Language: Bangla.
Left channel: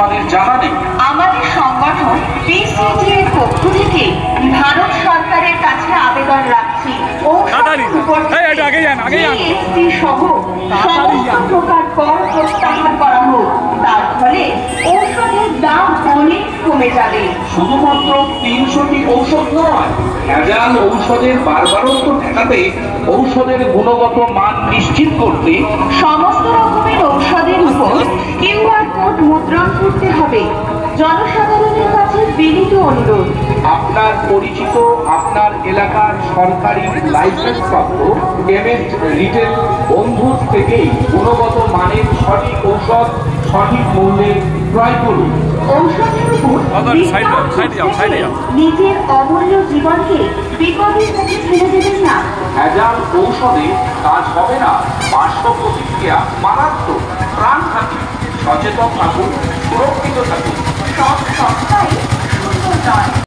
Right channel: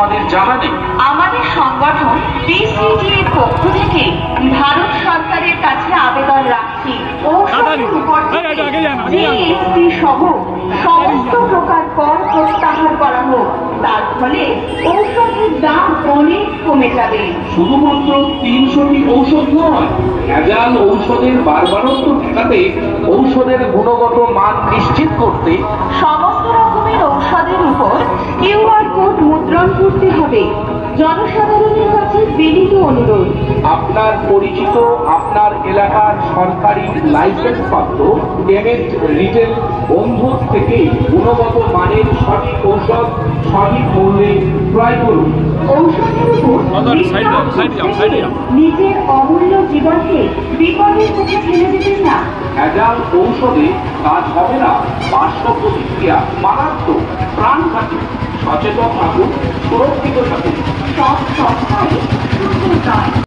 আমাদের জানা নেই। আমাদের সংগঠন বিসিজি এর পক্ষ থেকে ভারত সরকারের কাছে আবেদন রাখছি ঔষধের উপর জিএসটি সহ সমস্ত প্রকার কর প্রত্যাহার করা হোক। তার ফলে ঔষধের দাম অনেক কমে যাবে। শুধুমাত্র 300টি ঔষধ নয়, ভেজাল ঔষধের বারবারত্ব ঠেকাতে, ঔষধের গুণগত মান নিশ্চিত করতে সমস্ত রকমের ঔষধের উপর কিউআর কোড মুদ্রণ করতে হবে। জনসাধারণের কাছে বিনীত অনুরোধ, আপনার পরিচিত, আপনার এলাকার সরকারি লাইসেন্স প্রাপ্ত কেমিস্ট রিটেল বন্ধুর থেকেই গুণগত মানের সঠিক ঔষধ সঠিক মূল্যে ক্রয় করুন। ঔষধের উপর নিজের অমূল্য জীবনকে বিপদের মুখে ফেলে দেবেন না। ভেজাল ঔষধে কাজ হবে না, পার্শ্ব প্রতিক্রিয়া মারাত্মক। প্রাণ থাকুন, সচেতন থাকুন, সুরক্ষিত থাকুন। সব সস্তা